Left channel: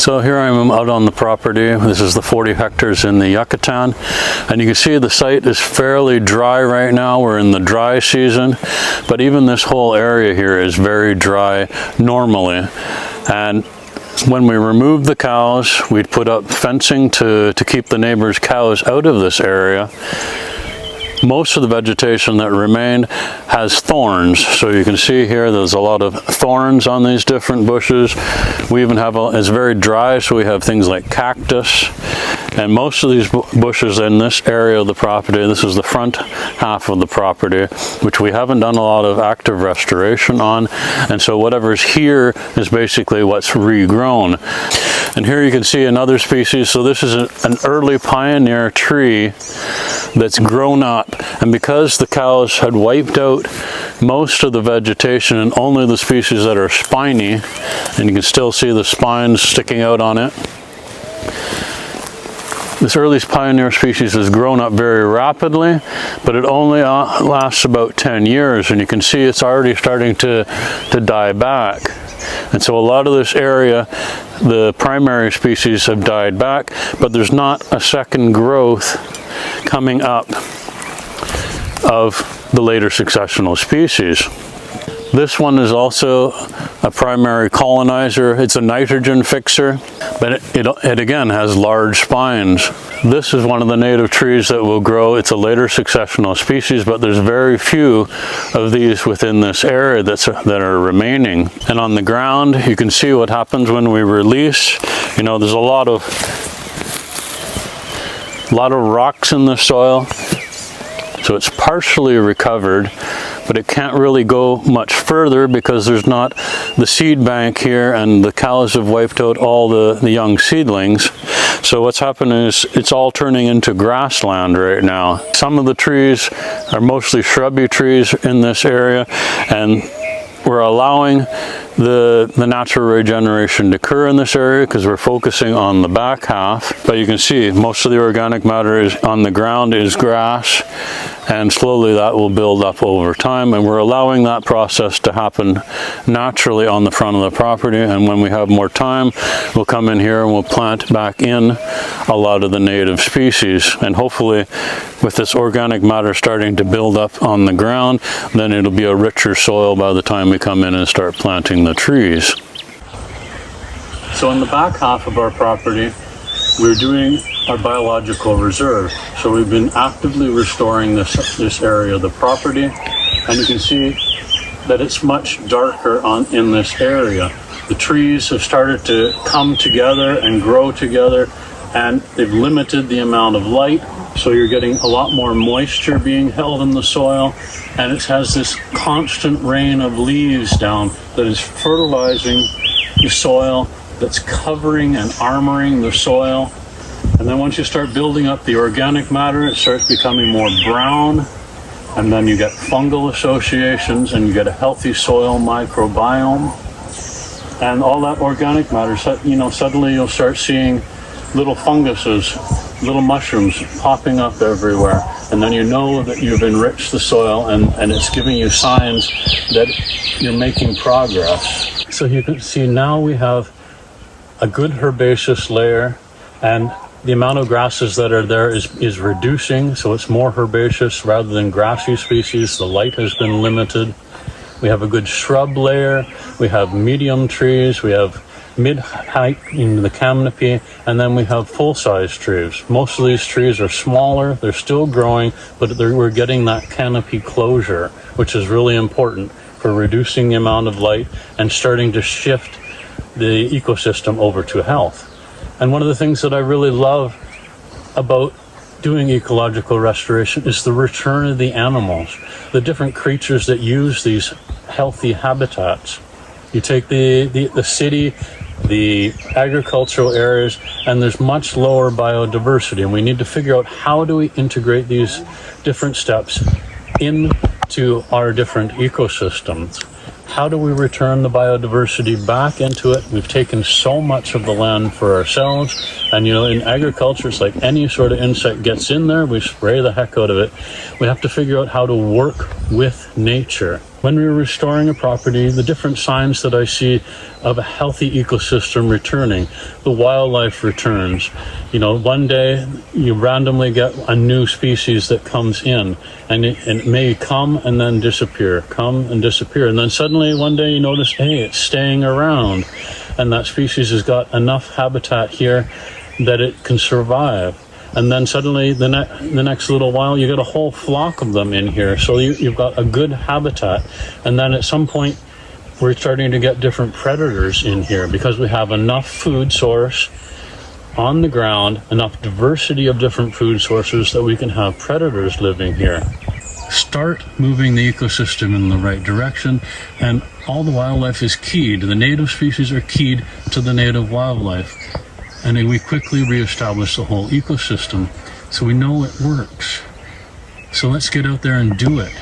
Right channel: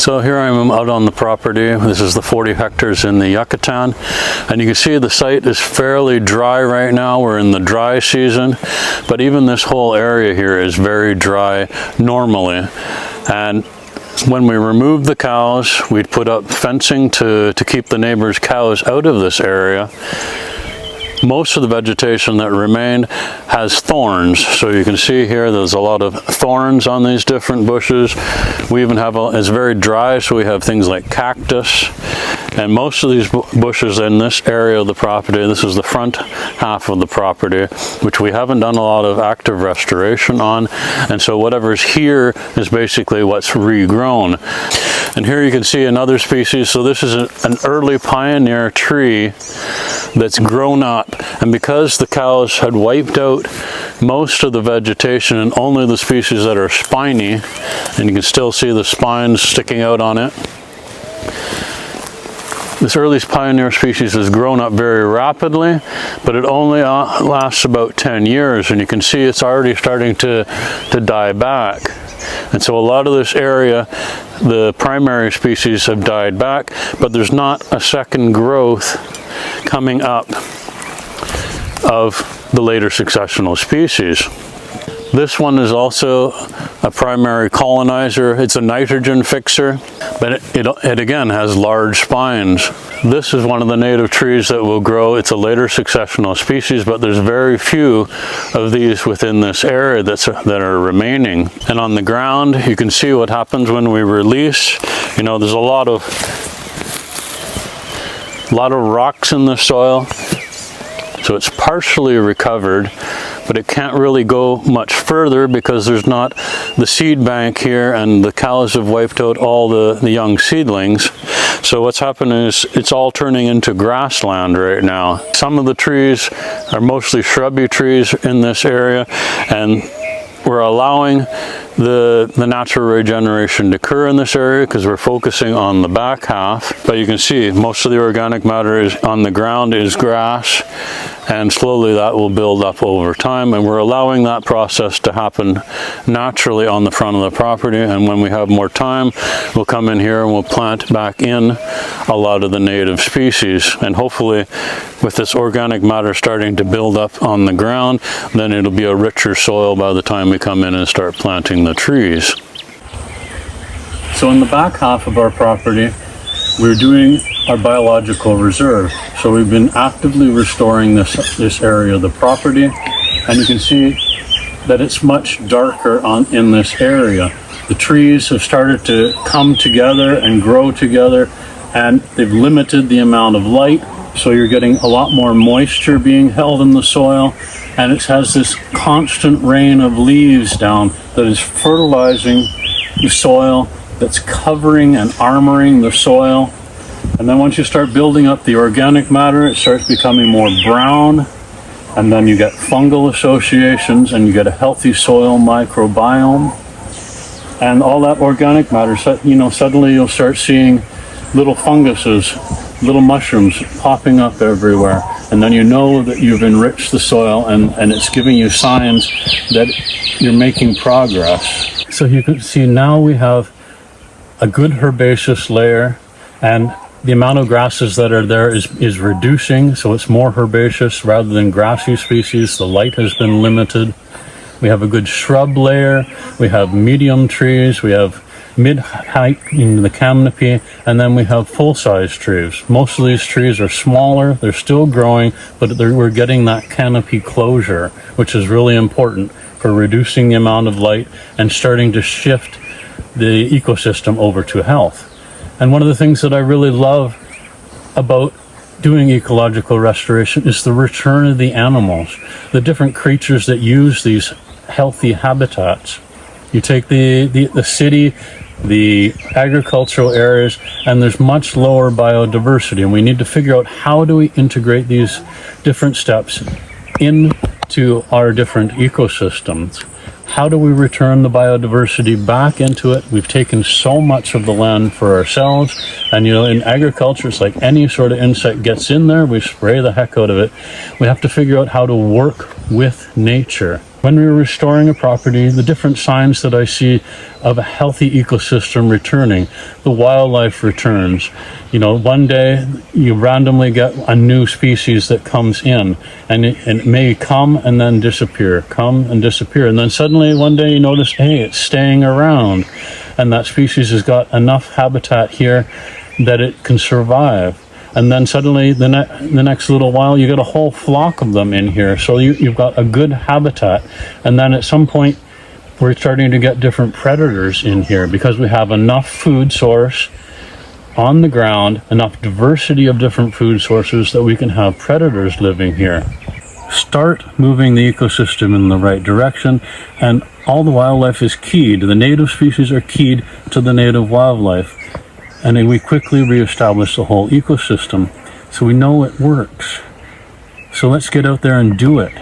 So here I am out on the property. This is the 40 hectares in the Yucatan, and you can see the site is fairly dry right now. We're in the dry season, but even this whole area here is very dry normally. And when we removed the cows, we'd put up fencing to keep the neighbors' cows out of this area. Most of the vegetation that remained has thorns, so you can see here there's a lot of thorns on these different bushes. We even have it's very dry, so we have things like cactus, and most of these bushes in this area of the property, this is the front half of the property, which we haven't done a lot of active restoration on, and so whatever's here is basically what's regrown. And here you can see another species. So this is an early pioneer tree that's grown up, and because the cows had wiped out most of the vegetation and only the species that are spiny, and you can still see the spines sticking out on it, this early pioneer species has grown up very rapidly, but it only lasts about 10 years, and you can see it's already starting to die back. And so a lot of this area, the primary species have died back, but there's not a second growth coming up of the later successional species. This one is also a primary colonizer. It's a nitrogen fixer, but it again has large spines. This is one of the native trees that will grow. It's a later successional species, but there's very few of these within this area that are remaining. And on the ground, you can see what happens when we release. You know, there's a lot of rocks in the soil. So it's partially recovered, but it can't really go much further because there's not the seed bank here, and the cows have wiped out all the young seedlings. So what's happening is it's all turning into grassland right now. Some of the trees are mostly shrubby trees in this area, and we're allowing the natural regeneration to occur in this area because we're focusing on the back half. But you can see most of the organic matter is on the ground is grass, and slowly that will build up over time, and we're allowing that process to happen naturally on the front of the property. And when we have more time, we'll come in here and we'll plant back in a lot of the native species, and hopefully with this organic matter starting to build up on the ground, then it'll be a richer soil by the time we come in and start planting the trees. So in the back half of our property, we're doing our biological reserve. So we've been actively restoring this area of the property, and you can see that it's much darker in this area. The trees have started to come together and grow together, and they've limited the amount of light, so you're getting a lot more moisture being held in the soil, and it has this constant rain of leaves down that is fertilizing the soil, that's covering and armoring the soil. And then once you start building up the organic matter, it starts becoming more brown, and then you get fungal associations, and you get a healthy soil microbiome. And all that organic matter, suddenly you'll start seeing little funguses, little mushrooms popping up everywhere, and then you know that you've enriched the soil, and it's giving you signs that you're making progress. So you can see now we have a good herbaceous layer, and the amount of grasses that are there is reducing, so it's more herbaceous rather than grassy species. The light has been limited. We have a good shrub layer, we have medium trees, we have mid-height in the canopy, and then we have full-size trees. Most of these trees are smaller, they're still growing, but we're getting that canopy closure, which is really important for reducing the amount of light and starting to shift the ecosystem over to health. And one of the things that I really love about doing ecological restoration is the return of the animals, the different creatures that use these healthy habitats. You take the city, the agricultural areas, and there's much lower biodiversity, and we need to figure out how do we integrate these different steps into our different ecosystems. How do we return the biodiversity back into it? We've taken so much of the land for ourselves, and in agriculture, it's like any sort of insect gets in there, we spray the heck out of it. We have to figure out how to work with nature When we're restoring a property, the different signs that I see of a healthy ecosystem returning, the wildlife returns. You know, one day you randomly get a new species that comes in, and it may come and then disappear, come and disappear. And then suddenly one day you notice, hey, it's staying around, and that species has got enough habitat here that it can survive. And then suddenly the next little while you get a whole flock of them in here, so you've got a good habitat. And then at some point we're starting to get different predators in here because we have enough food source on the ground, enough diversity of different food sources that we can have predators living here. Start moving the ecosystem in the right direction, and all the wildlife is keyed. The native species are keyed to the native wildlife. And then we quickly reestablish the whole ecosystem. So we know it works. So let's get out there and do it.